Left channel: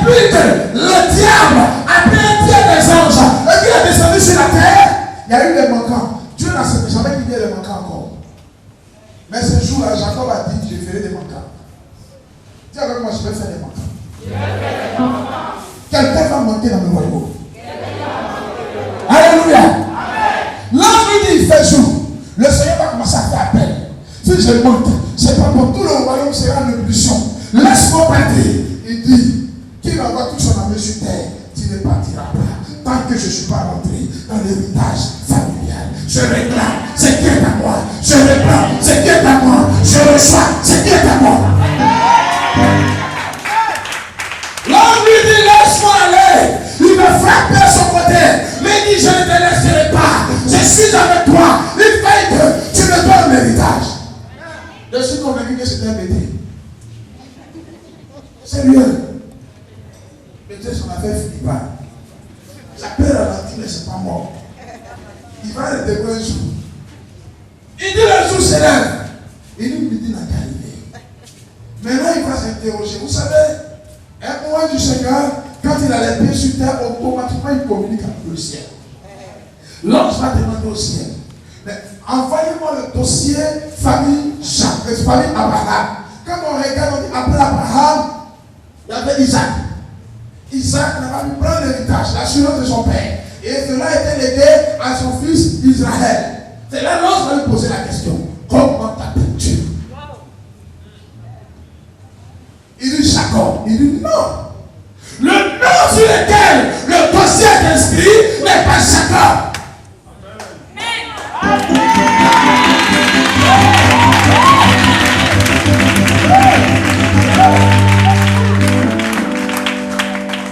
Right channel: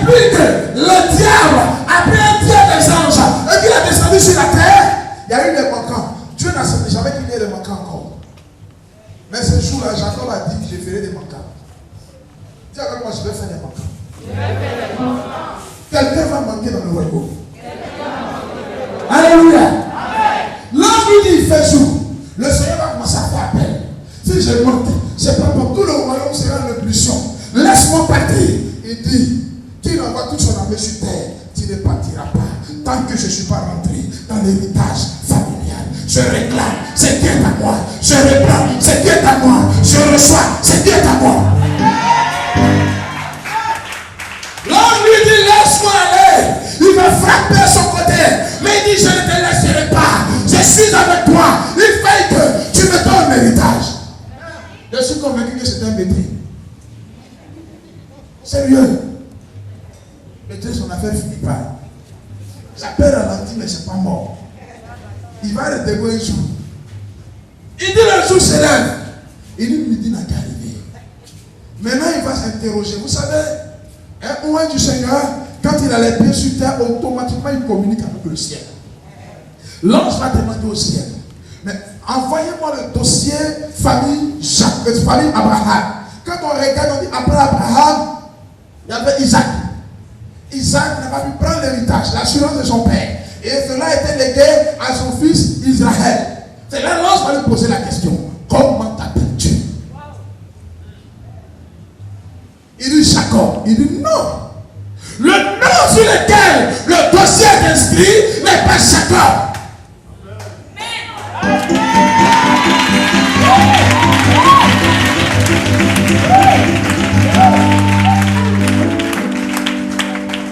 depuis que le diable a pris Dieu des anges et qu'il est descendu sur la terre, il y a eu des manquants. Dieu n'a jamais dit qu'il y ait des manquants encore. Mais ce jour-là, Jacob a dit que je ferai des manquants. Dis avec moi, je vais faire des manquants. Quelqu'un va manquer dans le royaume. Alléluia. L'ange lui dit, il fait jour. Le Seigneur va commencer à faire appel. Si je manque, c'est pas pour tout le royaume sera en ébullition. Laisse-moi partir. Il dit, qu'il envoie toute son armée sur terre, tu ne partiras pas. Tant que je ne suis pas rentré dans l'héritage familial. Je réclame ce qui est à moi. Je réclame ce qui est à moi. Je reçois ce qui est à moi. L'ange lui dit, laisse-moi aller. Il va frapper à son côté. Mais il dit, je ne te laisserai pas. Je suis avec toi. Il fait que tu me donnes l'héritage. Je suis convaincu que c'est un métier. Sérieux. Métier, son affaire ne finit pas. Ça peut ralentir, mais ce n'est pas mort. Il va arrêter un jour. Il dit le jour se lève. Il dit, midi n'a qu'à arriver. Maintenant, il va s'interroger. Vous savez, un moment du Seigneur, quand il a les pieds sur terre, automatiquement il communique avec le ciel. L'ange va demander au ciel, mais envoyez-moi le dossier famille Abraham. Quand on regarde, on dit après Abraham, il y avait Isaac. Isaac n'a pas pu prendre l'héritage, l'assurance de son père. Et cela a été légué à son fils Israël. C'est là l'ange va lui poser la question. Comment t'appelles-tu? Il dit Jacob. Il dit non. Le nom sur lequel le dossier est inscrit n'est pas Jacob.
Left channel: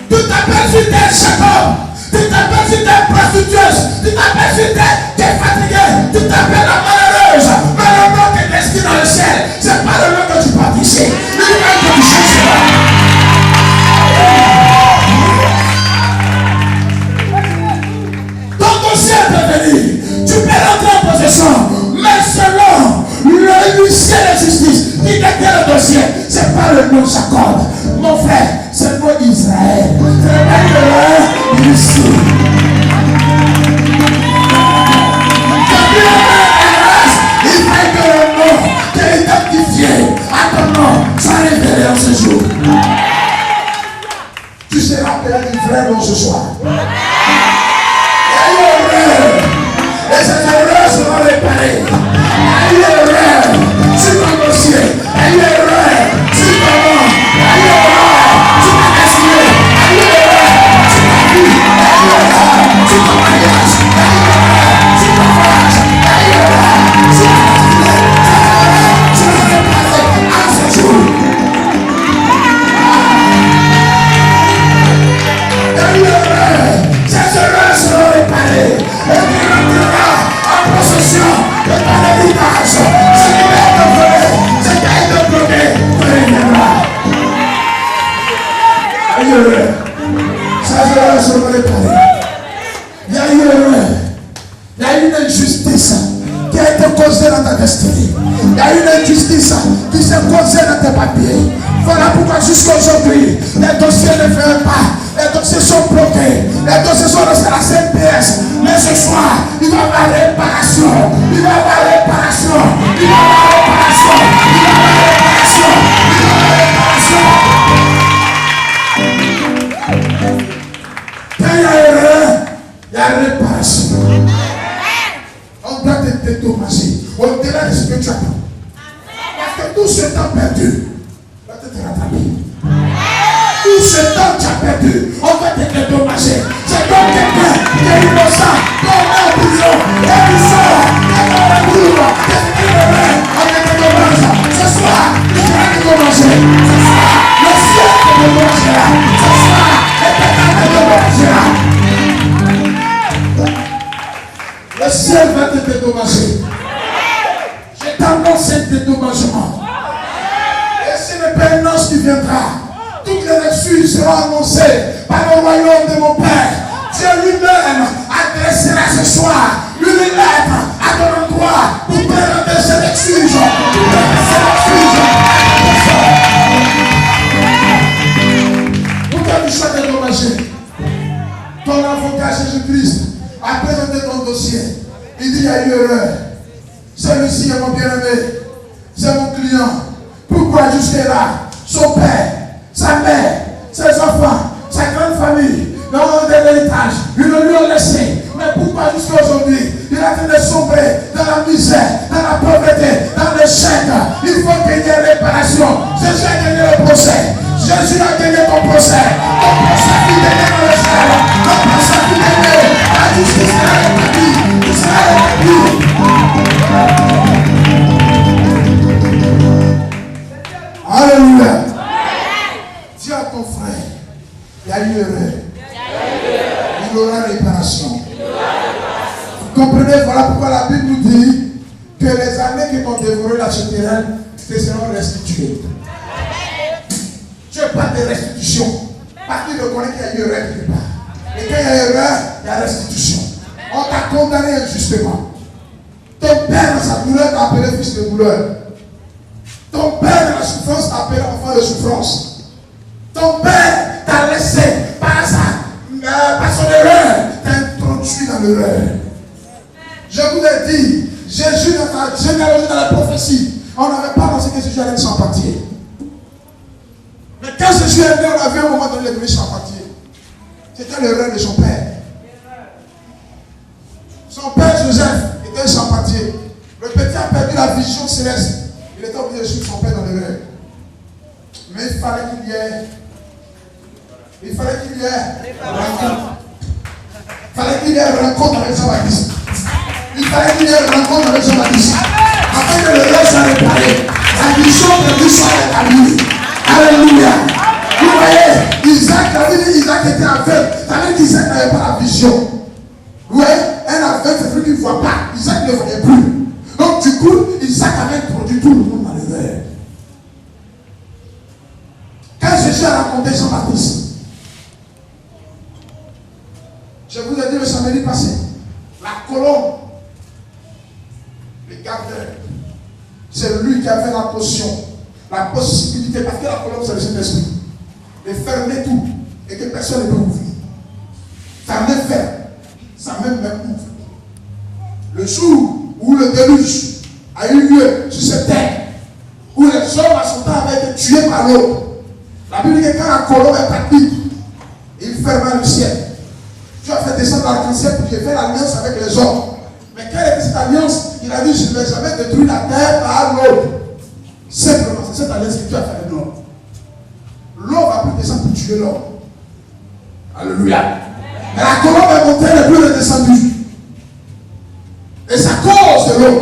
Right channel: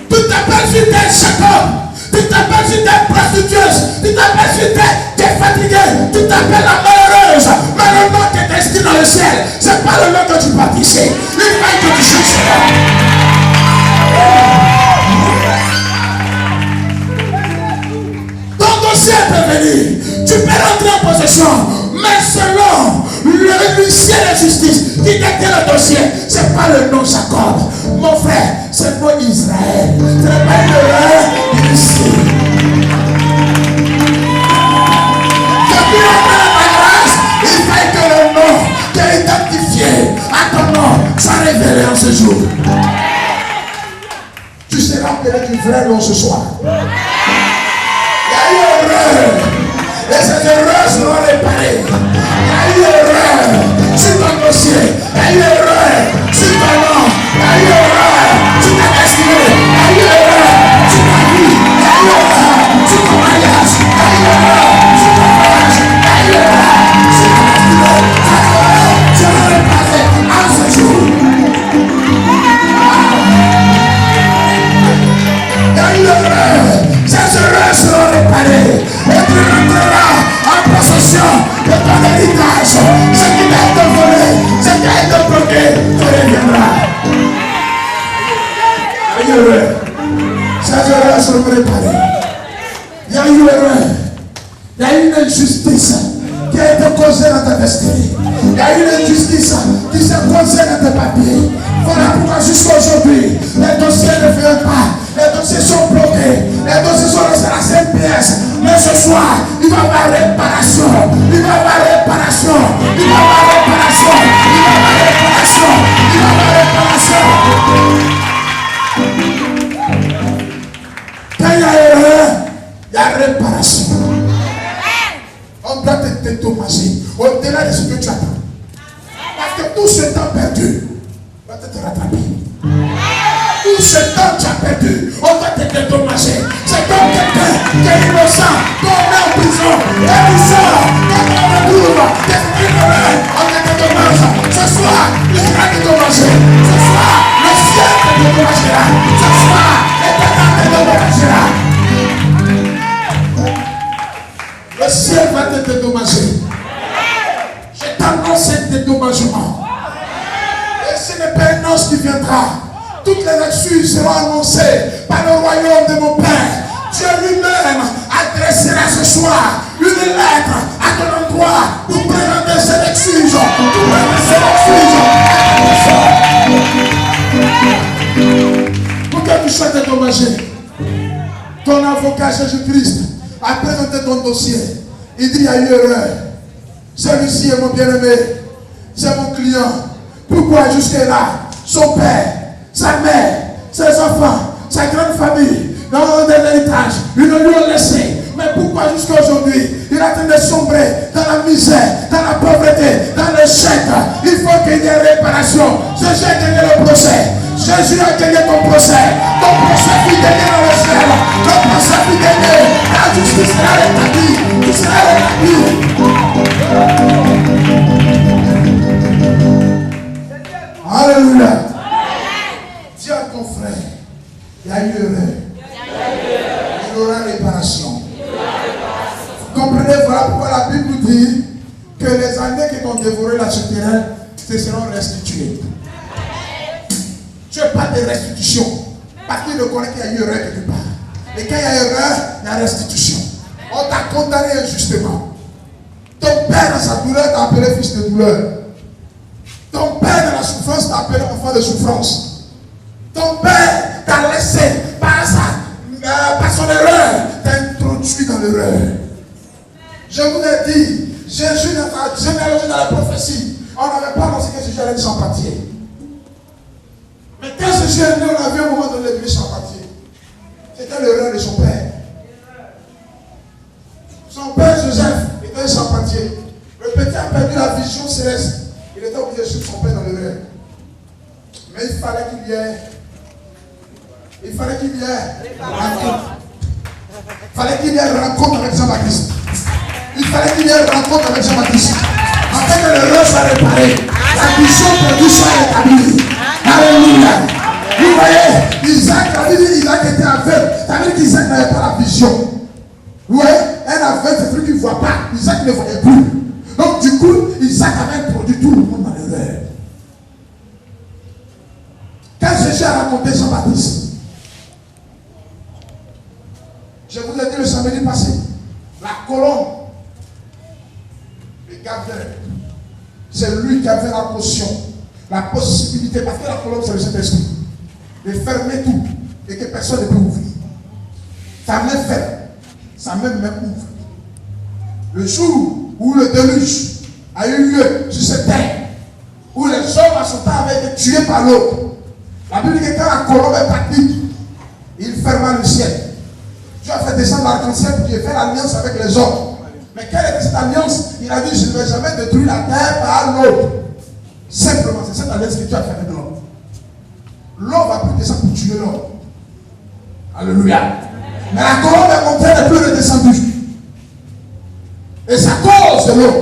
Tu t'appelles sur terre Jacob. Tu t'appelles sur terre prostitueuse. Tu t'appelles sur terre tu es fatigué. Tu t'appelles la malheureuse. Mais le nom qui est inscrit dans le ciel, c'est pas le nom que tu vas pisser. Il faut que tu cherches là. Ton dossier peut venir. Tu peux rentrer en possession. Mais selon l'huissier de justice qui détient le dossier, c'est pas le nom Jacob. Mon frère, c'est le nom Israël. C'est le ici. Depuis le nom de grâce, il fait que le nom qui est identifié à ton nom soit révélé en ce jour. Tu seras appelé du vrai nom ce soir. Il y a eu une erreur. Et ces erreurs seront réparées. Il y a eu une erreur sur ton dossier. Il y a eu une erreur sur ton nom. Il y a eu une erreur sur ta destinée. Il y a eu une erreur sur ta vie. Il y a eu une erreur sur ton mariage. Il y a eu une erreur sur ton voyage. Il y a eu une erreur sur ta destinée. Tu vas réparer à ce jour. Il y a eu une erreur. Ces erreurs seront réparées. Et tu rentreras en possession de ton héritage. Ce qui va être volé, ce qui a été bloqué, te reviendra. Il y a eu erreur. Ces erreurs seront réparées. Il y a eu erreur. Il y a eu une injustice qui a été causée dans ta destinée. Il y a eu une injustice qui s'est causée dans tes papiers. Voilà pourquoi jusqu'à aujourd'hui, les dossiers ne viennent pas. Les dossiers sont bloqués. Les dossiers sont restés à 5 pièces. Mais ce soir, il va y avoir réparation. Il va y avoir réparation. Il va y avoir réparation. Il va y avoir réparation. Il va y avoir réparation. Quand il y a erreur, il y a réparation. On doit te dédommager au-delà de ce que tu attends. Parce que tout ce temps perdu va te rattraper. Tout ce temps que tu as perdu, on va te dédommager. C'est comme quelqu'un qui est innocent, qui est en prison, et il sort, qui est dans la cour, qui est on te dédommage. Ce soir, il sera dédommagé. Ce soir, le ciel te dédommagera. Ce soir, l'éternel te dédommagera. Le ciel va te dédommager. Je t'annonce un dédommagement. Et ce n'est pas un ange qui viendra. Toutes les excuses seront annoncées par le royaume de mon Père. Dieu lui-même adressera ce soir une lettre à ton endroit pour présenter ses excuses. Pour présenter ses excuses. Pour te soit dédommagé. Ton avocat Jésus-Christ a présenté ton dossier. Il dit, il y a eu erreur. Celui-ci est mon bien-aimé. C'est mon client. Pourquoi jusque-là, son père, sa mère, ses enfants, sa grande famille, dans l'héritage, ils ne lui ont laissé. Mais pourquoi jusqu'à aujourd'hui, il a train de sombrer dans la misère, dans la pauvreté, dans l'échec? Il faut qu'il y ait réparation. Jésus a gagné le procès. Jésus a gagné ton procès. Ton procès fut gagné dans le ciel. Ton procès fut gagné. La justice sera rétablie. Il sera rétabli. Alléluia. Dis à ton frère, il y a eu erreur. Il y aura réparation. Vous comprenez, voilà pourquoi la Bible nous dit que les années qui t'ont dévoré la souterraine te seront restituées. Tu n'as pas de restitution. Parce qu'il reconnaît qu'il y a eu erreur quelque part. Et quand il y a erreur, il y a restitution. On t'a condamné injustement. Ton père dans sa douleur t'a appelé fils de douleur. Ton père dans la souffrance t'a appelé enfant de souffrance. Ton père t'a laissé par son erreur, t'a introduit dans l'erreur. Je vous l'ai dit, Jésus dans la généalogie, dans la prophétie, on n'avait pas pensé que Jésus allait être sans pâtier. Mais quand Jésus est né, on a vu un moment donné le sans pâtier. C'était l'erreur de son père. Son père Joseph était sans pâtier. Le petit a perdu la vision céleste. Il était obligé de suivre son père dans l'erreur. Mais il fallait qu'il y ait rencontre. Il fallait qu'il y ait rencontre avec Jean-Baptiste. Il fallait qu'il y ait rencontre avec Jean-Baptiste. Afin que l'erreur soit réparée. La vision perdue soit rétablie. Alléluia. Vous voyez, Isaac, la Bible dit Isaac était aveugle. Ça veut dire qu'Isaac n'avait pas la vision. Vous voyez, un aveugle, c'est celui qui ne voit pas. Isaac ne voyait plus. Donc du coup, Isaac avait introduit tout le monde dans l'erreur. Quand Jésus a raconté Jean-Baptiste, je vous ai dit le samedi passé, la colombe, le gardeur, c'est lui qui avait la potion, la possibilité, parce que la colombe c'est le Saint-Esprit, de fermer tout et que personne ne peut ouvrir. Sa main ferme, sa main même ouvre. Le jour où le déluge a eu lieu sur cette terre, où les hommes à son temps avaient été tués par l'autre, la Bible dit que quand la colombe est partie, il ferma le ciel. Dieu a fait descendre l'arc-en-ciel pour qu'il fasse l'alliance avec les hommes. Mais quelle était cette alliance? Il a dit, je ne vais jamais détruire la terre par l'autre. Simplement, c'est cette alliance que Dieu a fait avec l'homme. L'homme va plus descendre pour tuer l'homme. Alléluia. Mais la colombe est montée, elle n'est plus redescendue. Et c'est à cause de l'homme.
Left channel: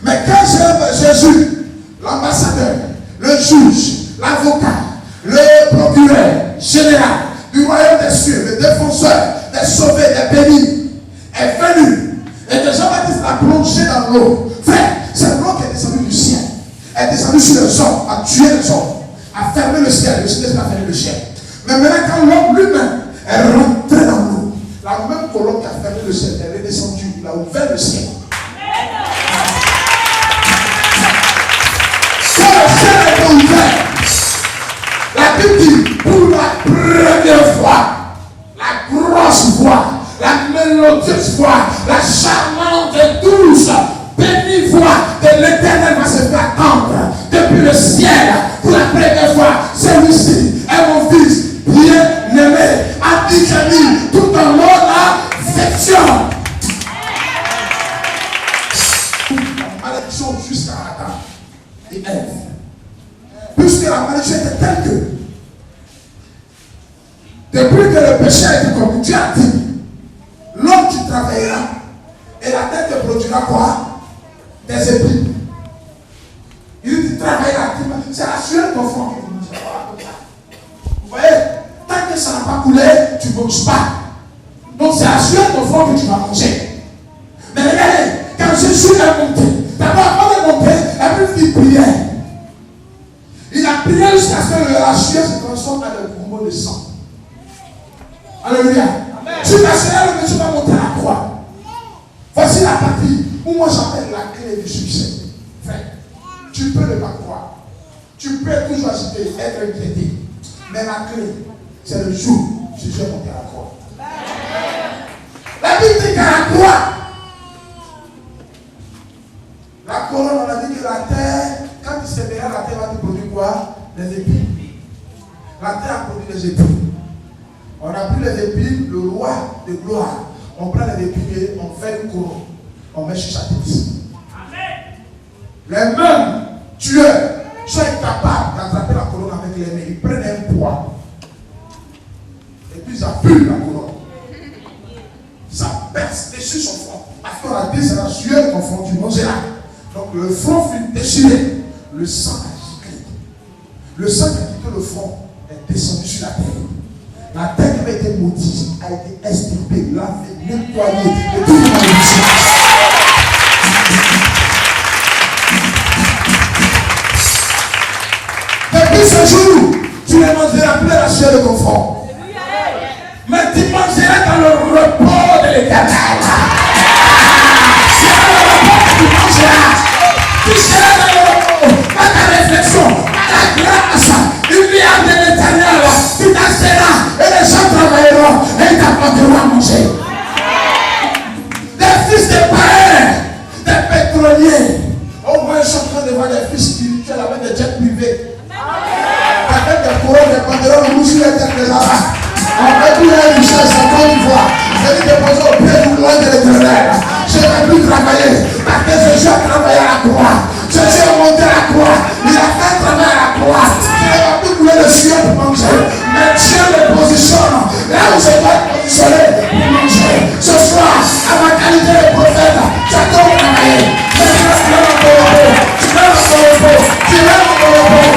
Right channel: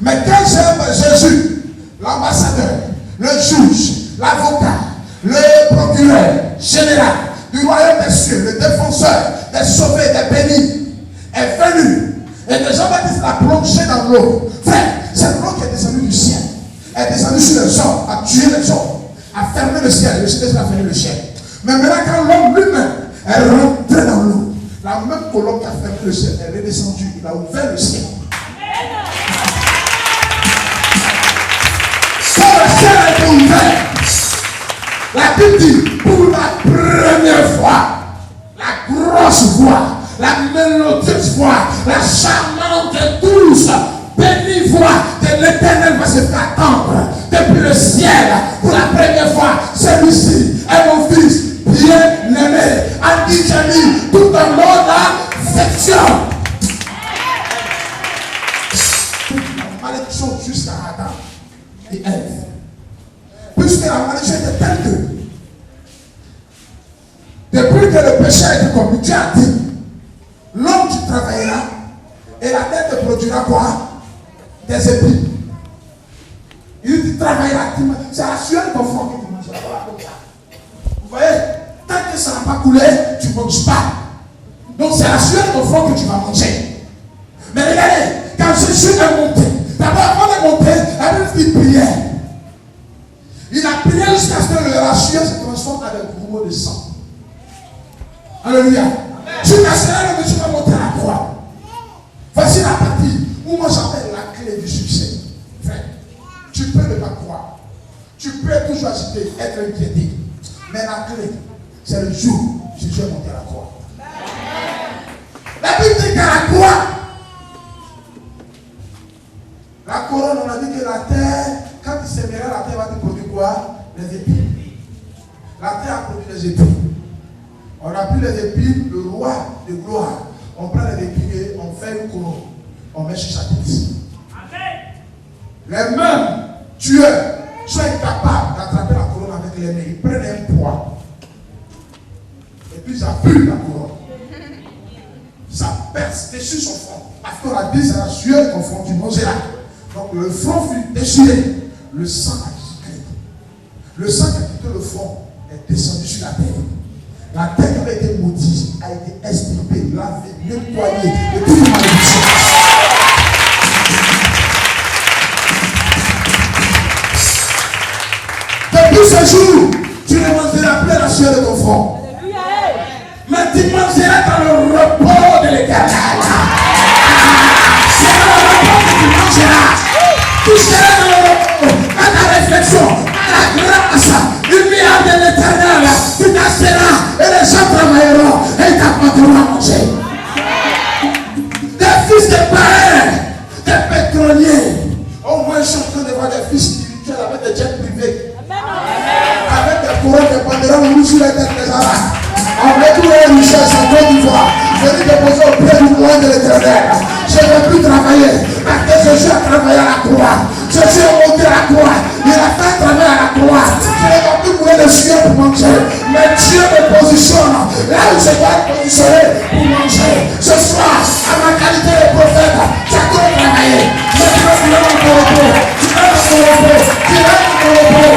Mais quand Jésus, l'ambassadeur, le juge, l'avocat, le procureur général du royaume des cieux, le défenseur des sauvés, des bénis, est venu et que Jean-Baptiste l'a plongé dans l'eau. Frère, c'est l'eau qui est descendue du ciel. Elle est descendue sur les hommes, a tué les hommes, a fermé le ciel. Le ciel a fermé le ciel. Mais maintenant, quand l'homme lui-même est rentré dans l'eau, la même colombe qui a fermé le ciel, elle est descendue, il a ouvert le ciel. Quand le ciel a été ouvert, la Bible dit, pour la première fois, la grosse voix, la mélodieuse voix, la charmante et douce, bénie voix de l'Éternel va se faire entendre depuis le ciel. Pour la première fois, celui-ci est mon fils bien-aimé. A dit Jésus, tout en mon affection. Malédiction jusqu'à Adam et Ève. Puisque la malédiction était telle que depuis que le péché a été commis, Dieu a dit, l'homme qui travaillera et la terre te produira quoi? Des épis. Il dit travaillera, c'est la sueur ton front qui te mangera. Vous voyez, tant que ça n'a pas coulé, tu ne manges pas. Donc c'est la sueur ton front que tu vas manger. Mais regardez, quand Jésus est monté, d'abord avant de monter, il dit prière. Il a prié jusqu'à ce que la sueur se transforme en des gros de sang. Alléluia. Jusqu'à ce que Jésus va monter la croix. Voici la partie où moi j'appelle la clé du succès. Frère, tu peux ne pas croire. Tu peux toujours agiter, être inquiété. Mais la clé, c'est le jour, Jésus est monté à la croix. La Bible dit qu'à la croix, la couronne, on a dit que la terre, quand il sèmera, la terre va te produire quoi? Les épines. La terre a produit les épines. On a pris les épines, le roi de gloire. On prend les épines et on fait une couronne. On met sur sa tête. Les mêmes tueurs sont incapables d'attraper la couronne avec les mains. Ils prennent un poids. Et puis ils appuient la couronne. Ça perce dessus son front. Parce qu'on a dit c'est la sueur qu'on front, tu mangeras. Donc le front fut déchiré. Le sang a giclé. Le sang qui a quitté le front est descendu sur la terre. La terre qui avait été maudite a été extirpée, lavée, nettoyée de toutes les malédictions. Depuis ce jour, tu ne mangeras plus la sueur de ton front. Mais tu mangeras dans le repos de l'Éternel. C'est dans le repos que tu mangeras. Tu seras dans le repos, par ta réflexion, par la grâce, lumière de l'Éternel. Tu t'asseras et les gens travailleront et t'apporteront à manger. Des fils de païens, des pétroliers. Au moins, je suis en train de voir des fils spirituels avec des jets privés. Avec des couronnes, des pantalons rouges sur les têtes des Arabes. Avec tous les richesses en Côte d'Ivoire. Je vais déposer au pied du clan de l'Éternel. Je ne vais plus travailler. Parce que Jésus a travaillé à la croix. Jésus est monté à la croix. Il a fait travailler à la croix. Je ne vais plus couler de sueur pour manger. Mais Dieu me positionne là où je dois être positionné pour manger. Ce soir, à ma qualité de prophète, tu as trop travaillé. Maintenant, tu l'as dans ton repos. Tu l'as dans ton repos. Tu l'as dans ton repos.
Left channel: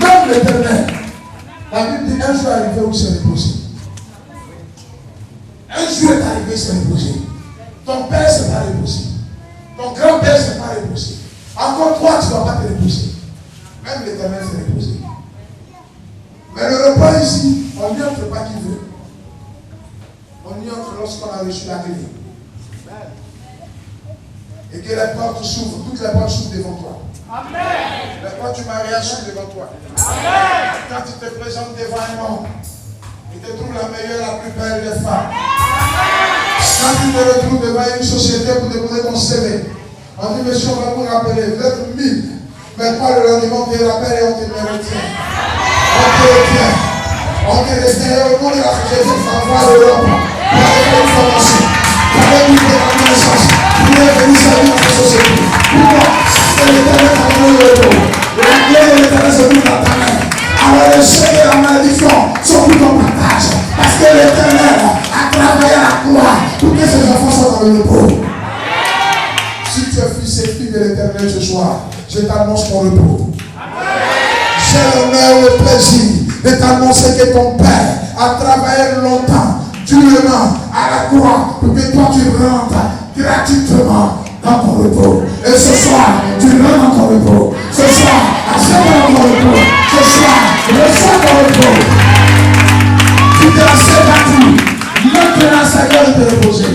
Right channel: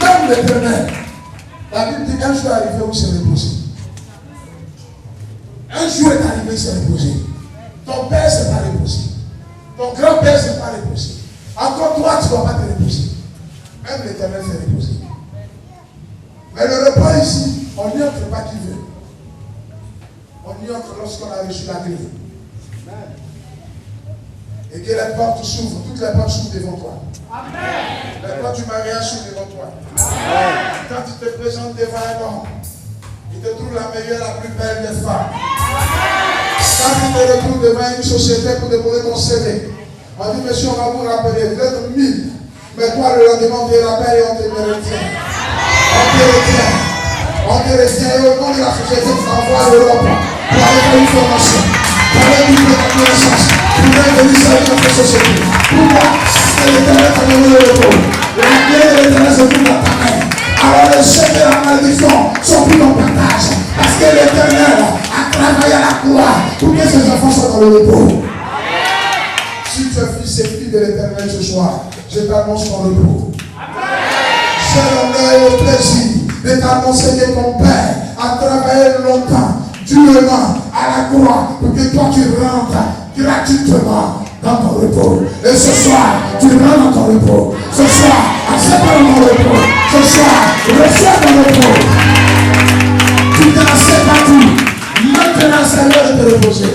Même l'Éternel. La Bible dit un jour est arrivé où c'est reposé. Un jour est arrivé, c'est reposé. Ton père ne s'est pas reposé. Ton grand-père ne s'est pas reposé. Encore toi, tu ne dois pas te reposer. Même l'Éternel s'est reposé. Mais le repas ici, on n'y entre pas qui veut. On y entre lorsqu'on a reçu la grille. Et que les portes s'ouvrent, toutes les portes s'ouvrent devant toi. Amen. Les portes du mariage s'ouvrent devant toi. Amen. Quand tu te présentes devant un homme, il te trouve la meilleure, la plus belle des femmes. Amen. Quand tu te retrouves devant une société pour déposer ton CV, on dit, monsieur, on va vous rappeler, vous êtes 1000. Mais toi, le lendemain, on te rappelle et on te retient. On te retient. On te retient et au nom de la société, tu t'envoies à l'Europe pour aller faire une formation. Pour aller trouver ta connaissance. Pour aller venir servir dans ta société. Pourquoi? L'Éternel t'a donné le repos. La guerre de l'Éternel se trouve dans ta main. Alors les chefs et la malédiction sont plus ton partage. Parce que l'Éternel a travaillé à la croix pour que ses enfants soient dans le repos. Si tu es fils et fille de l'Éternel ce soir, je t'annonce ton repos. J'ai l'honneur et le plaisir de t'annoncer que ton Père a travaillé longtemps, durement, à la croix pour que toi tu rentres gratuitement dans ton repos. Et ce soir, tu rentres dans ton repos. Ce soir, accepte dans ton repos. Ce soir, reçois ton repos. Tu t'es assez battu. Maintenant, c'est l'heure de te reposer.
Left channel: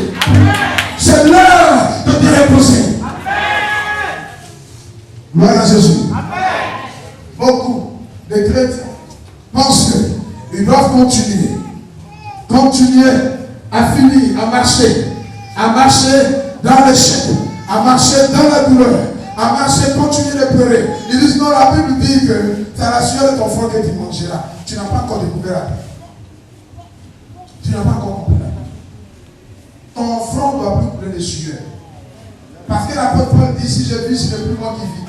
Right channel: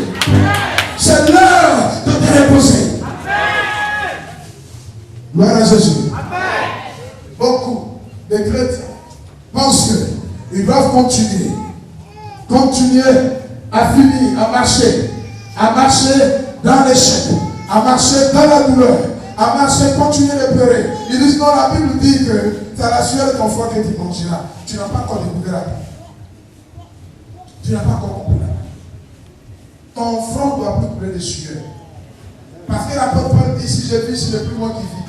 C'est l'heure de te reposer. Gloire à Jésus. Beaucoup de chrétiens pensent qu'ils doivent continuer à finir, à marcher dans l'échec, à marcher dans la douleur, à marcher, continuer de pleurer. Ils disent non, la Bible dit que c'est à la sueur de ton front que tu mangeras. Tu n'as pas encore découvert la vie. Tu n'as pas encore compris la vie. Ton front doit plus couler de sueur. Parce que l'apôtre Paul dit, si je vis, ce n'est plus moi qui vis.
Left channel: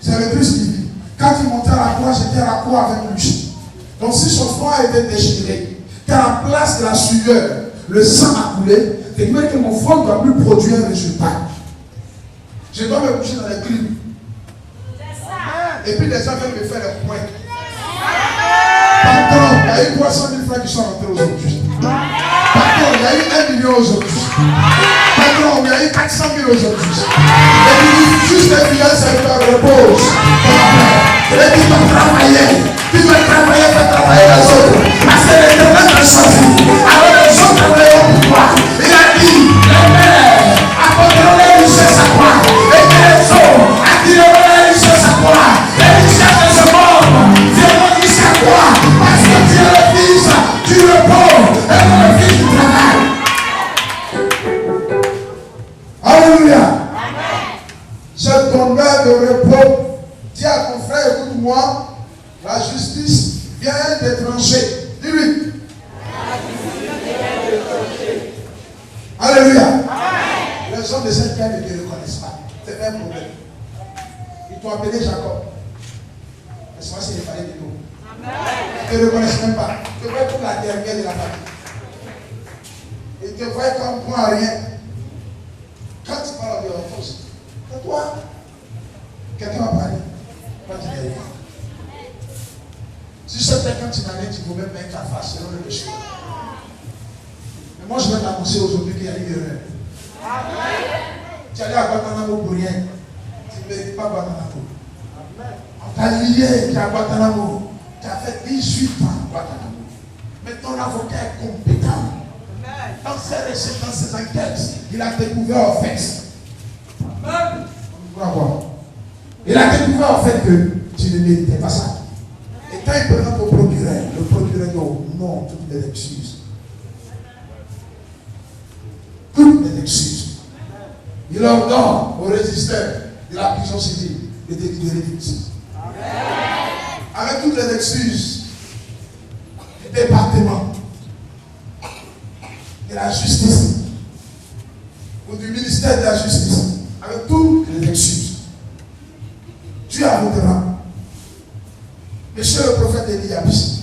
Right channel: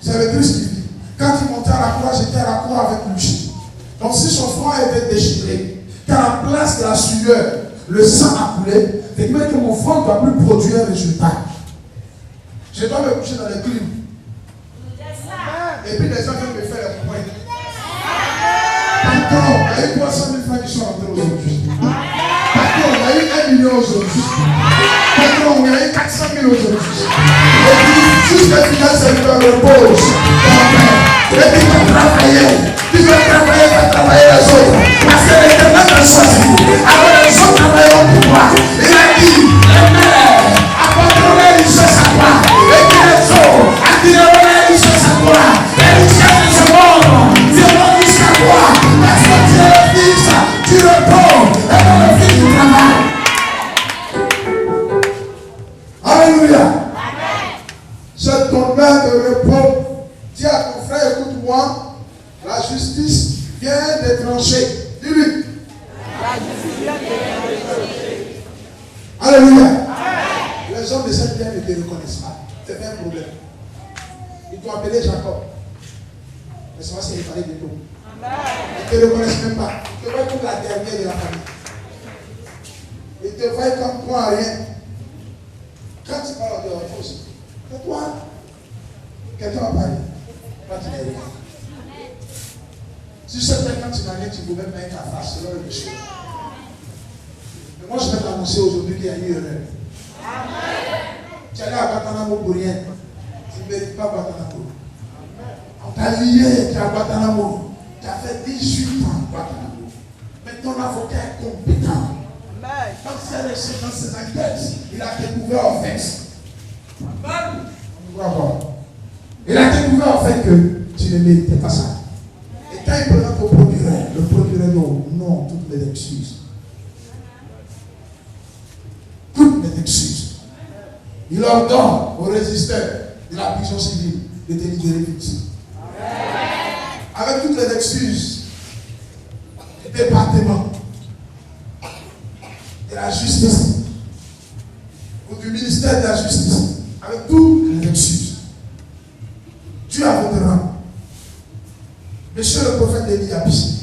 C'est le Christ qui vit. Quand il montait à la croix, j'étais à la croix avec lui. Donc si son front a été déchiré, qu'à la place de la sueur, le sang a coulé, c'est dire que mon front ne doit plus produire un résultat. Je dois me coucher dans les crimes. Et puis les gens viennent me faire les points. Patron, il y a eu 300 000 francs qui sont rentrés aujourd'hui. Patron, il y a eu 1 million aujourd'hui. Patron, il y a eu 400 000 aujourd'hui. Et puis juste les fidèles serviteurs reposent. Et puis tu dois travailler. Tu dois travailler pour travailler les autres. Parce que l'Éternel t'a choisi. Alors les autres travailleront pour toi. Il a dit, les mères apporteront les richesses à toi. Et que les autres attireront les richesses à toi. Les richesses de ce monde justice vient de trancher. Dis-lui. La justice vient de trancher. Alléluia. Les hommes de cette terre ne te reconnaissent pas. C'est pas un problème. Ils t'ont appelé Jacob. Mais c'est pas s'il fallait de tout. Ils ne te reconnaissent même pas. Ils te voient comme la dernière de la famille. Ils te voient comme toi à rien. Quand tu parles de leur force, c'est toi. Quelqu'un va parler. Toi, tu n'es rien. Si c'est quand tu n'as rien, tu peux même mettre ta face selon le monsieur. Mais moi, je vais t'annoncer aujourd'hui qu'il y a eu erreur. Tu es allé à Guantanamo pour rien. Tu ne mérites pas Guantanamo. On t'a lié à Guantanamo. Tu as fait 18 ans à Guantanamo. Mais ton avocat est compétent. Dans ses enquêtes, il a découvert en fait. Il a découvert en fait que tu ne méritais pas ça. Et quand il présente au procureur, le procureur dit non, toutes les excuses. Toutes les excuses. Il ordonne aux résisteurs de la prison civile de délibérer ici. Avec toutes les excuses du département, de la justice, ou du ministère de la justice, avec toutes les excuses. Tu avoueras, monsieur le prophète Élie Abis,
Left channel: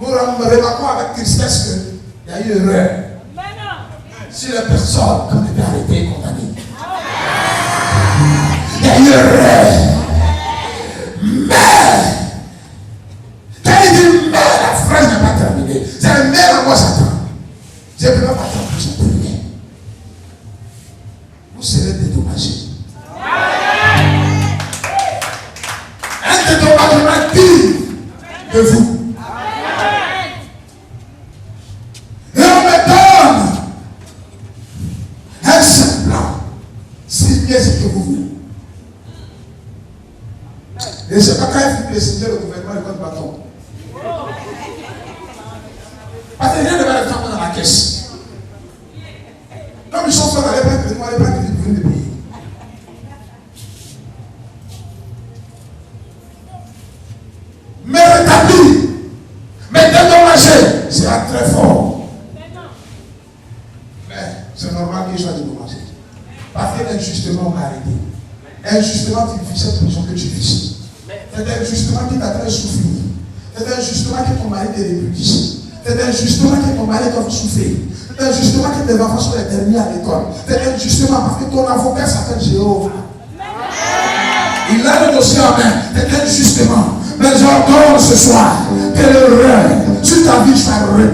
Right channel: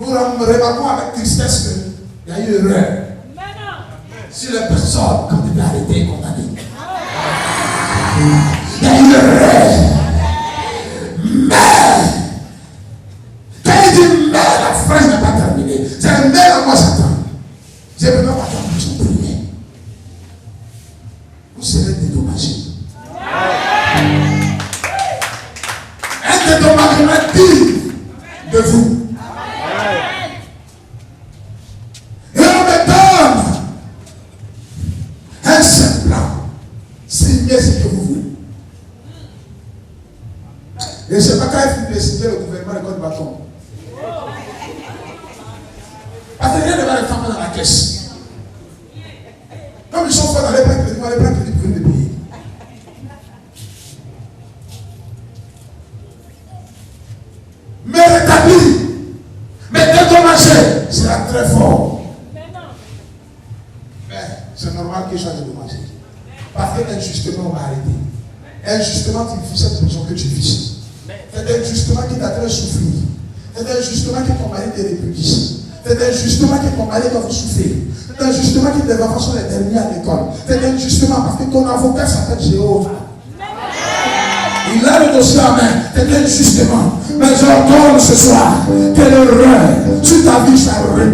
nous remarquons avec tristesse qu'il y a eu erreur sur les personnes comme il a été condamné. Il y a eu erreur. Mais, quand il dit mais, la phrase n'est pas terminée. C'est un mais à moi, Satan. Je ne peux pas attendre que je prie. Vous serez dédommagés. Un dédommagement digne de vous. Et on me donne un semblant. Signez ce que vous voulez. Et c'est pas quand il faut décider le gouvernement de votre bâton. Parce que rien ne va rentrer dans la caisse. Comme ils sont dans les prêts crédits, les prêts crédits pour venir payer. Mais rétabli, mais dédommagé, sera très fort. Mais c'est normal qu'il soit dédommagé. Parce qu'injustement, on m'a arrêté. Injustement, tu vis cette prison que tu vis. C'est injustement qui t'a fait souffrir. C'est injustement que ton mari te répugie. C'est injustement que ton mari doit souffrir. C'est injustement que tes enfants sont les derniers à l'école. C'est injustement parce que ton avocat s'appelle Jéhovah. Il a le dossier en main. C'est injustement. Mais j'ordonne ce soir que l'erreur sur ta vie soit réparée.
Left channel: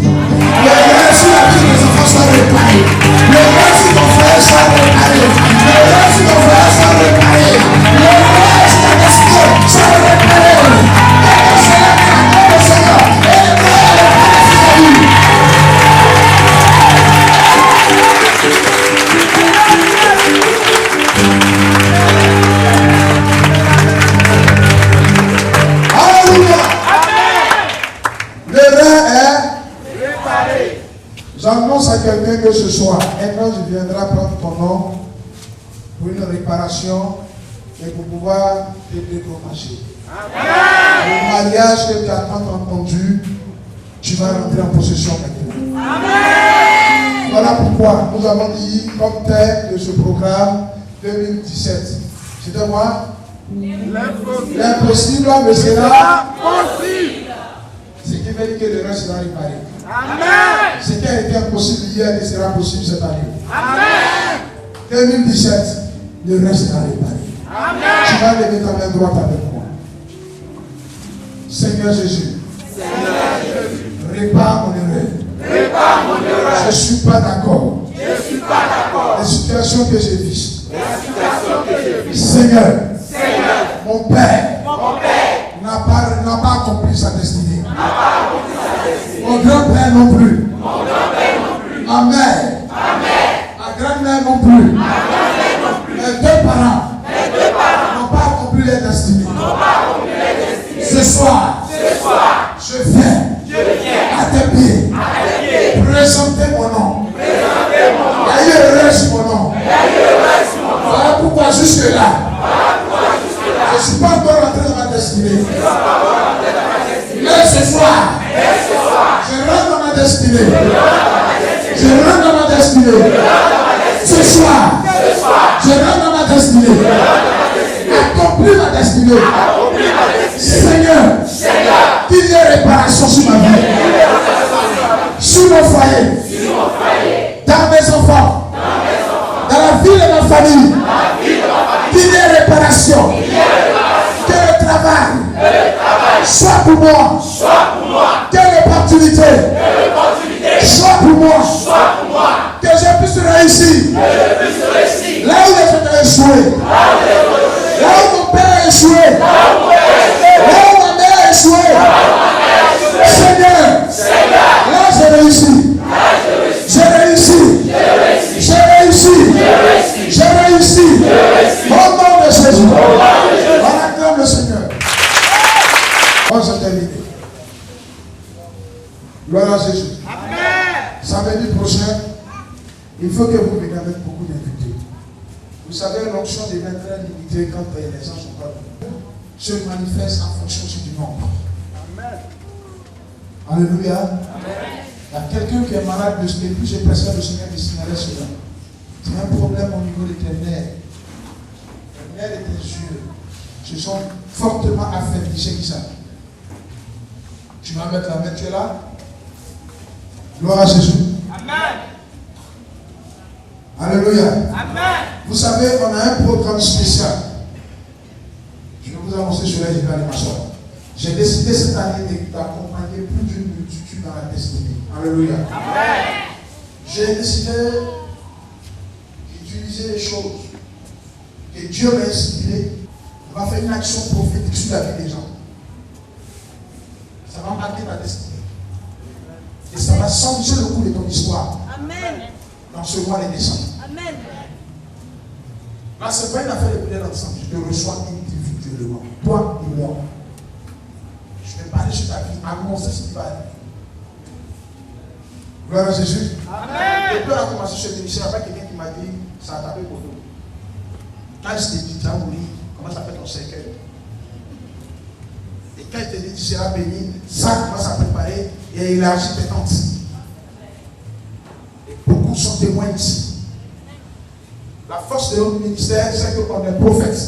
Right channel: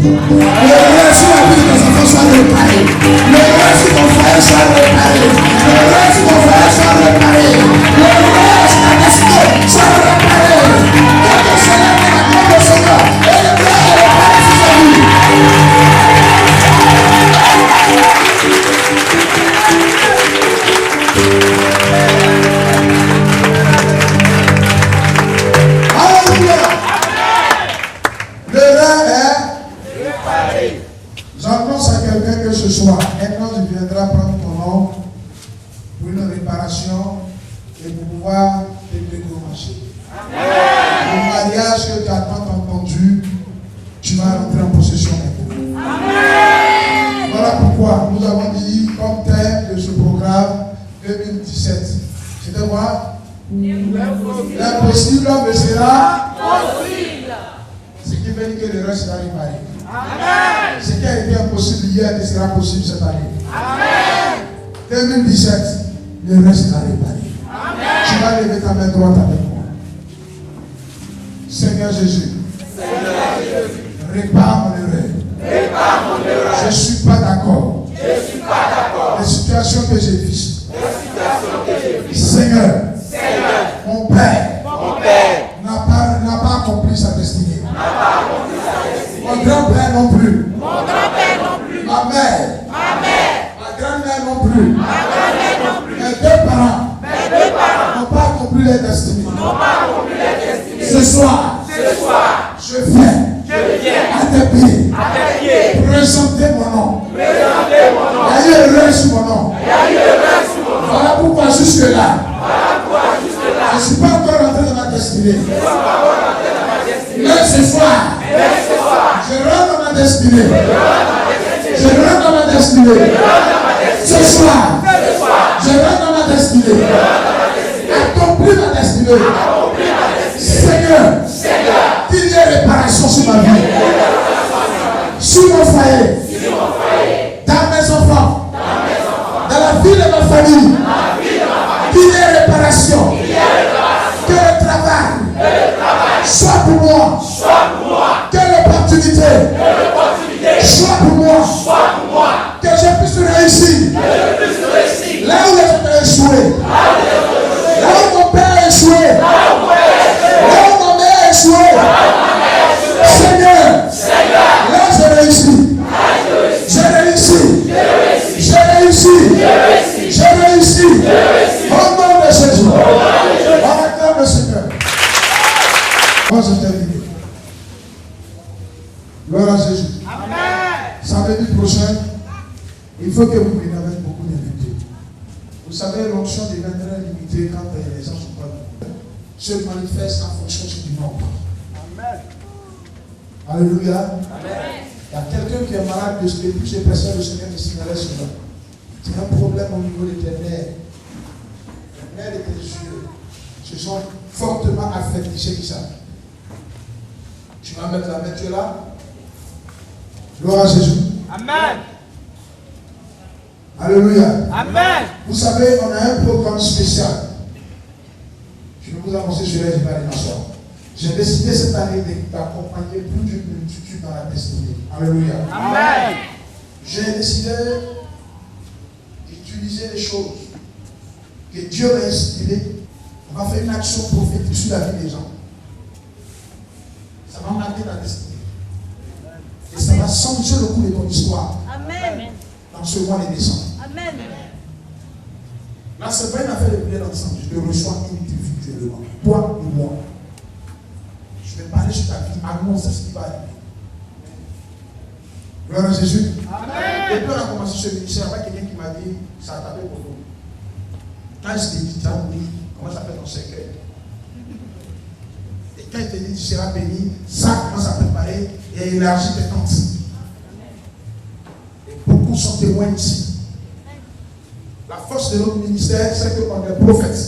L'erreur sur la vie de tes enfants soit réparée. L'erreur sur ton frère soit réparée. L'erreur sur ton frère soit réparée. L'erreur sur ta destinée soit réparée. Et que cela soit le Seigneur. Et le Père réparé sur ta vie. J'annonce à quelqu'un que ce soir, un ange viendra prendre ton nom pour une réparation et pour pouvoir te dédommager. Le mariage que tu as tant entendu, tu vas rentrer en possession maintenant. Amen. Voilà pourquoi nous avons dit comme thème de ce programme 2017. C'était quoi? L'impossible me sera possible. Ce qui veut dire que le reste sera réparé. Amen. Ce qui a été impossible hier ne sera possible cette année. Amen. 2017, le reste sera réparé. Amen. Tu vas lever ta main droite avec moi. Seigneur Jésus, répare mon erreur. Je ne suis pas d'accord. Les situations que j'ai vues. Seigneur, mon Père n'a pas accompli sa destinée. Mon grand-père non plus. Ma mère. Ma grand-mère non plus. Mes deux parents n'ont pas accompli leur destinée. Ce soir, je viens à tes pieds présenter mon nom. Il y a eu erreur sur mon nom. Voilà pourquoi jusque-là, je ne suis pas encore rentré dans ma destinée. Mais ce soir, je rentre dans ma destinée. Je rentre dans ma destinée. Ce soir, je rentre dans ma destinée. Accomplis ma destinée. Seigneur, qu'il y ait réparation sur ma vie, sur mon foyer, dans mes enfants, dans la vie de ma famille. Qu'il y ait réparation. Que le travail soit pour moi. Que l'opportunité soit pour moi. Que je puisse réussir. Là où les autres ont échoué. Là où mon père a échoué. Là où ma mère a échoué. Seigneur, là j'ai réussi. J'ai réussi. J'ai réussi. J'ai réussi. Au nom de Jésus. On acclame le Seigneur. On s'est terminé. Gloire à Jésus. Samedi prochain, il faut que vous veniez avec beaucoup d'invités. Vous savez, l'onction devient très limitée quand les gens ne sont pas nombreux. Se manifeste en fonction du nombre. Alléluia. Il y a quelqu'un qui est malade depuis j'ai pressé le Seigneur me signalait cela. Tu as un problème au niveau de tes nerfs. Les nerfs de tes yeux se sont fortement affectés. C'est qui ça? Tu vas mettre la main, tu es là? Gloire à Jésus. Amen. Alléluia. Amen. Vous savez, on a un programme spécial. Je vais vous annoncer cela, je vais aller m'asseoir. J'ai décidé cette année d'accompagner plus d'une multitude dans la destinée. Alléluia. Amen. J'ai décidé d'utiliser les choses que Dieu m'a inspirées. On va faire une action prophétique sur la vie des gens. Ça va marquer ta destinée. Et ça va changer le cours de ton histoire. Amen. Dans ce mois de décembre. Amen. Là, ce n'est pas une affaire de prier ensemble. Je te reçois individuellement. Toi et moi. Je vais parler sur ta vie. Annonce ce qui va arriver. Gloire à Jésus. Amen. Depuis on a commencé ce ministère, il y a quelqu'un qui m'a dit, ça a tapé pour nous. Quand je t'ai dit, tu as mouru, comment ça fait ton cercueil? Et quand il te dit, tu seras béni, ça commence à préparer et élargir tes tentes. Et beaucoup sont témoins ici. La force de notre ministère, c'est qu'on est prophète.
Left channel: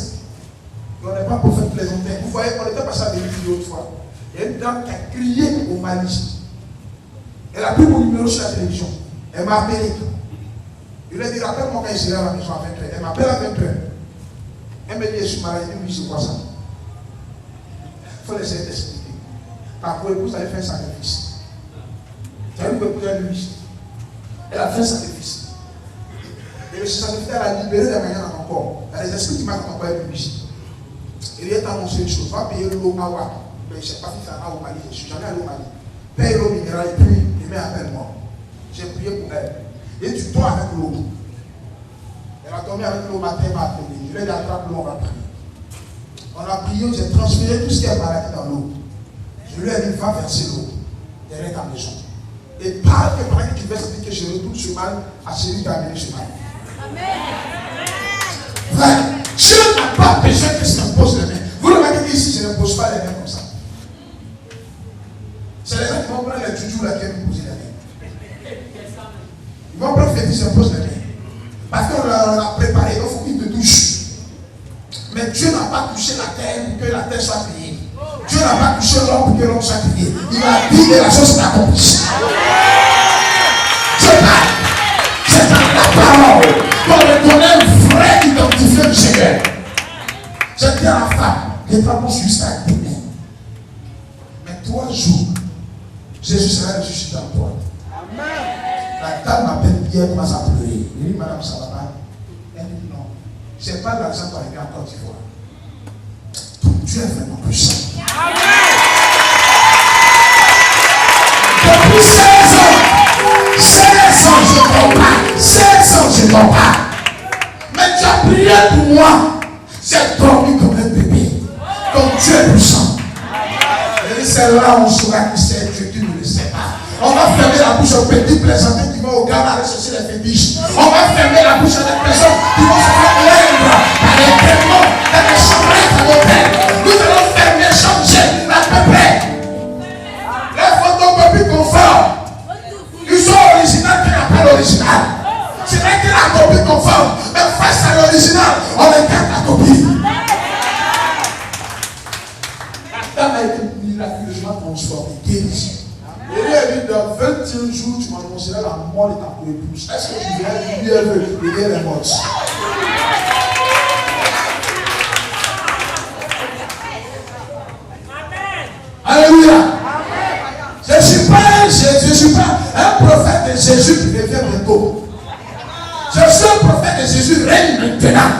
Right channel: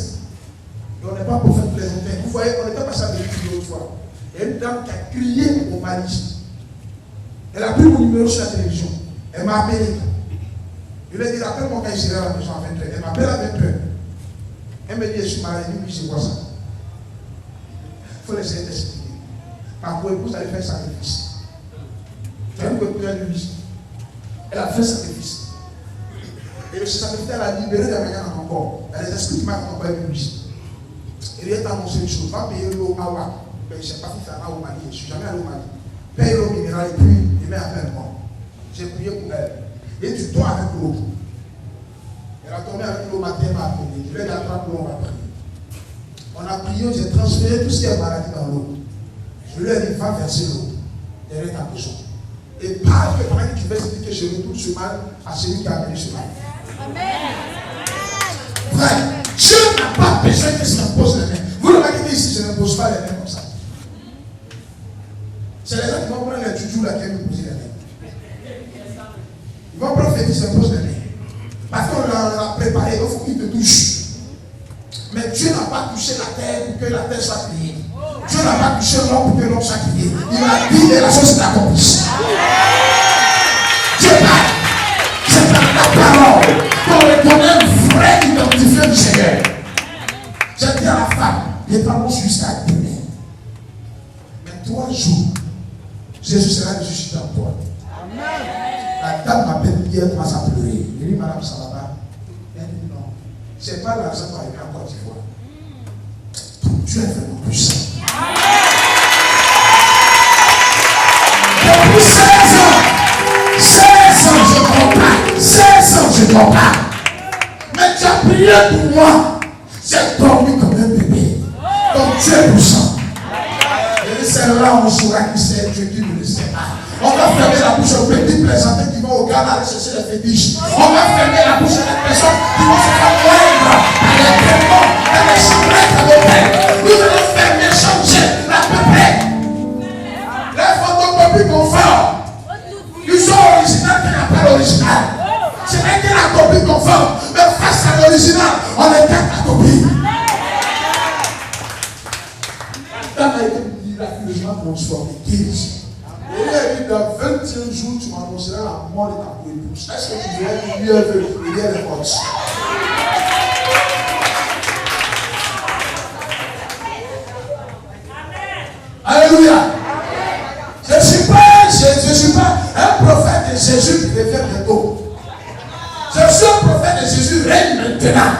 Et on n'est pas prophète plaisantin. Vous voyez, on était passé à Bénéfice l'autre fois. Il y a une dame qui a crié au Mali. Elle a pris mon numéro sur la télévision. Elle m'a appelé. Je lui ai dit, appelle-moi quand je serai à la maison à 20h. Elle m'appelle à 20h. Elle me dit, je suis malade. Elle dit, oui, c'est quoi ça? Il faut laisser t'expliquer. Par pour épouse, elle a fait un sacrifice. Tu as vu pour épouser un lui. Elle a fait un sacrifice. Et le sacrifice, elle a libéré la manière encore. Elle a des esprits qui m'ont encore lui. Et il est annoncé une chose. Va payer l'eau à Ouak. Je ne sais pas si c'est là au Mali. Je ne suis jamais allé au Mali. Paye l'eau minérale et puis demain appelle-moi. J'ai prié pour elle. Et tu dois avec l'eau. Elle a tombé avec l'eau matin, elle m'a appelé. Je vais l'attraper, l'eau, on va prier. On a prié, j'ai transféré tout ce qui est maladie dans l'eau. Je lui ai dit, va verser l'eau derrière ta maison. Et parle que pendant que tu verses, que je retourne ce mal à celui qui a amené ce mal. Amen. Frère, Dieu n'a pas besoin que je t'impose les mains. Vous remarquez qu'ici, je n'impose pas les mains comme ça. C'est les gens qui vont prendre les tutus là qui vont me poser les mains. Ils vont prendre les tutus, s'impose les mains. Parce qu'on l'a préparé, donc il faut qu'il te touche. Mais Dieu n'a pas touché la terre pour que la terre soit créée. Dieu n'a pas touché l'homme pour que l'homme soit créé. Il a dit et la chose s'accomplit. Je parle. C'est dans la parole qu'on reconnaît un vrai identifié du Seigneur. J'ai dit à la femme, les parents jusqu'à demain. Mais 3 jours, Jésus sera ressuscité en toi. Amen. La dame m'appelle hier, elle commence à pleurer. Je lui dis, madame, ça va pas? Elle dit non. C'est pas l'argent pour arriver en Côte d'Ivoire. Dieu est vraiment puissant. Amen. Depuis 16 ans, je t'en parle. 16 ans, je t'en parle. Mais tu as prié pour moi. J'ai dormi comme un bébé. Donc Dieu est puissant. Et c'est là où on saura qui c'est Dieu qui ne le sait pas. On va fermer la bouche aux petits plaisantins qui vont au Ghana aller chercher les fétiches. On va fermer la bouche à des personnes qui vont se faire moindre dans les démons, dans les chambrettes à l'hôtel. Nous allons fermer dame a été miraculeusement transformée, guérie. Et lui a dit, dans 21 jours, tu m'annonceras la mort de ta épouse. Est-ce que tu verras lui elle est morte? Alléluia. Je ne suis pas un prophète de Jésus qui revient bientôt. Je suis un prophète de Jésus règne maintenant.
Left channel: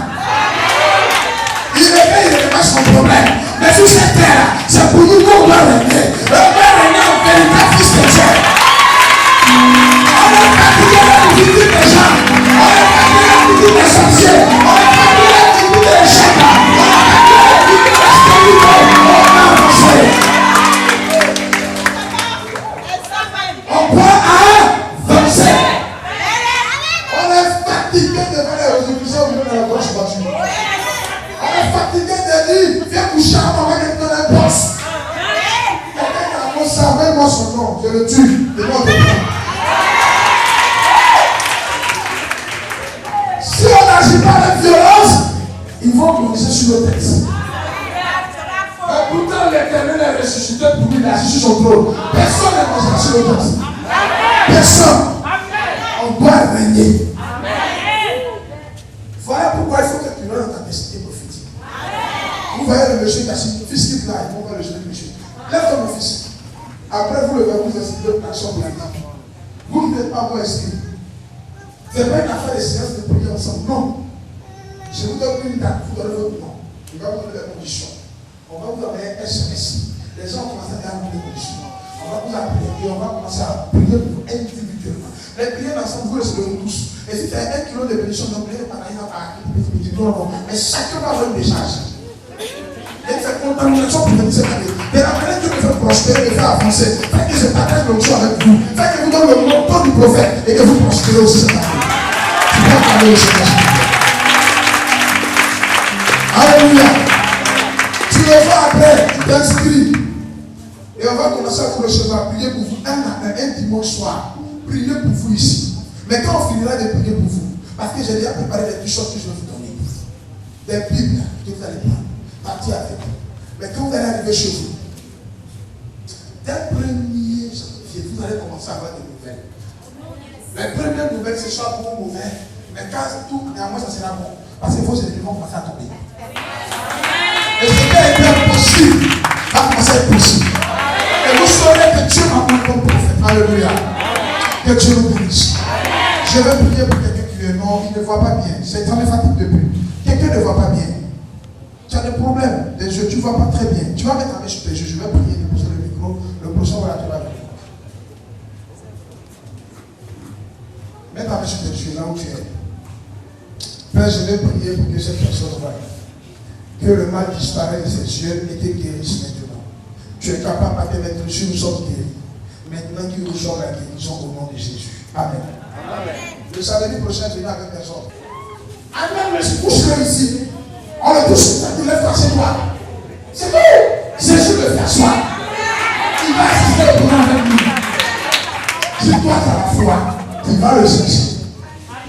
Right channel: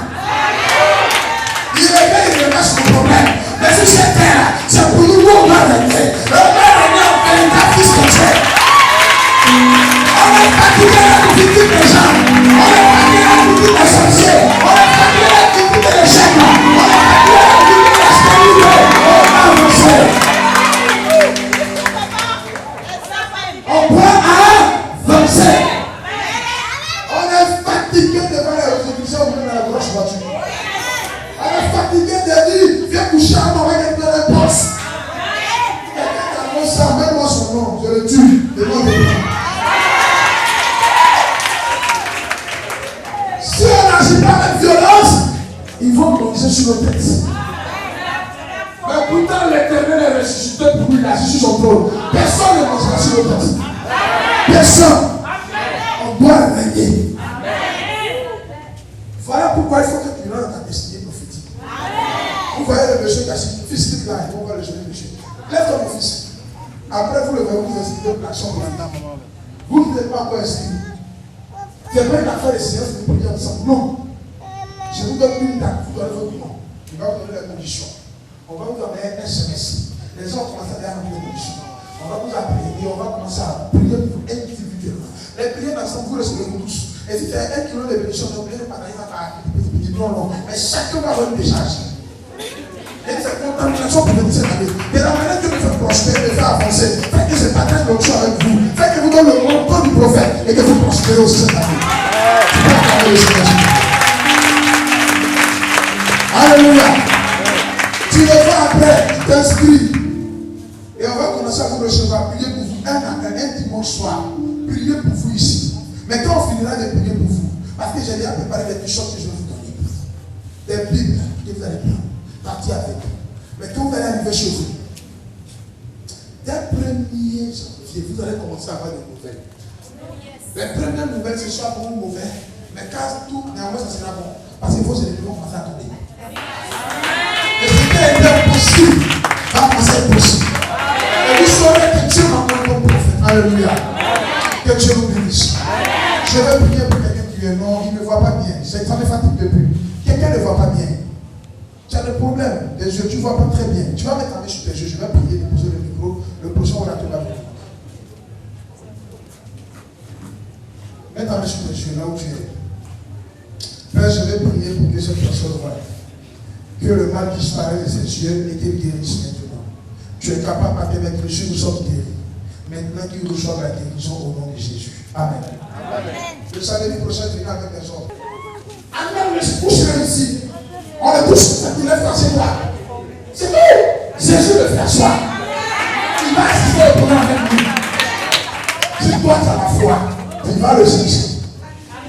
Il revient, il règne pas son problème. Mais sur cette terre, c'est pour nous qu'on doit régner. On va régner en véritable fils de Dieu. On est fatigué de la victime des gens. On est fatigué de la victime des sorciers. On est fatigué de la victime des échecs. On est fatigué de la victime des spirituels. On va avancer. On prend à avancer. On est fatigué devant les résolutions de la grosse voiture. On est fatigué de dire, viens coucher à moi avec les pleins de poste. Quelqu'un qui annonce ça, même moi son nom, je le tue. Devant le temps. Si on n'agit pas avec violence, ils vont commencer sur nos têtes. Mais pourtant, l'Éternel est ressuscité pour lui, il agit sur son trône. Personne ne mangera sur nos têtes. Personne. On doit régner. Voilà pourquoi il faut que tu rentres dans ta destinée prophétique. Vous voyez le monsieur qui a dit, fils quitte là, il faut voir le jeune monsieur. Lève-toi mon fils. Après vous le verrez, vous inscrivez de l'action pour la dame. Vous ne pouvez pas vous inscrire. C'est même une affaire de séance de prière ensemble. Non. Je vous donne une date, vous donnez votre nom. Je vais vous donner les conditions. On va vous donner un SMS. Les gens commencent à remplir les conditions. On va vous appeler et on va commencer à prier pour vous individuellement. Les prières ensemble, vous recevez tous. Et si tu as 1 kilo de bénédiction, donc priez par exemple à non. Mais chacun va avoir une décharge. Et c'est contamination pour le 17 années. De la manière que Dieu me fait prospérer, me fait avancer. Faites que je partage l'autre chose avec vous. Faites que vous donne le montant du prophète et que vous prospérez aussi cette année. Tu peux parler au Seigneur. Alléluia. Tu le vas après, tu t'inscris. Et on va commencer à vous recevoir, prier pour vous un dimanche soir. Priez pour vous ici. Mais quand on finira de prier pour vous, parce que j'ai déjà préparé des choses que je vais vous donner. Des Bibles que vous allez prendre. Partir avec eux. Mais quand vous allez arriver chez vous, dès le 1er janvier, vous allez commencer à avoir des nouvelles. Les premières nouvelles, ce soit bon ou mauvais, mais quand tout, néanmoins, ça sera bon. Parce que vos ennemis vont commencer à tomber. Et ce qui a été impossible va commencer à être possible. Et vous saurez que Dieu m'a envoyé comme prophète. Alléluia. Que Dieu nous bénisse. Je vais prier pour quelqu'un qui est non, il ne voit pas bien. C'est en fatigue depuis. Quelqu'un ne voit pas bien. Tu as des problèmes des yeux, tu ne vois pas très bien. Tu vas mettre ta main sur tes yeux, je vais prier, déposer le micro, le prochain orateur va venir. Mets ta main sur tes yeux, là où tu es. Père, je vais prier pour que cette personne voie. Que le mal disparaisse de ses yeux et qu'il guérisse maintenant. Tu es capable par tes maîtres, nous sommes guéris. Maintenant qu'il reçoit la guérison au nom de Jésus. Amen. Le samedi prochain, je viens avec personne. Amen, mais je couche ici. On est tous, il est fait chez toi. C'est tout. Jésus le fait asseoir. Tu vas rester au courant avec lui. Si toi tu as la foi, tu vas le chercher.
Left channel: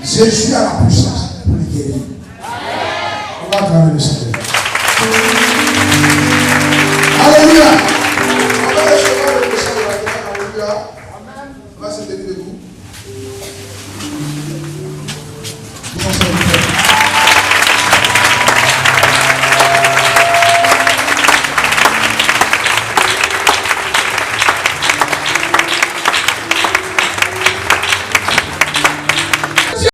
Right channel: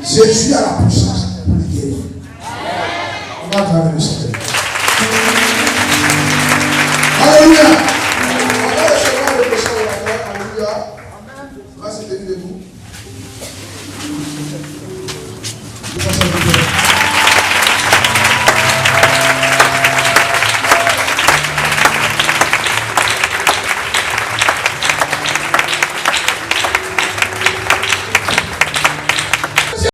Jésus a la puissance pour le guérir. On va travailler le Seigneur. Alléluia. On va recevoir le prochain orateur. Alléluia. On va se lever debout. Vous pensez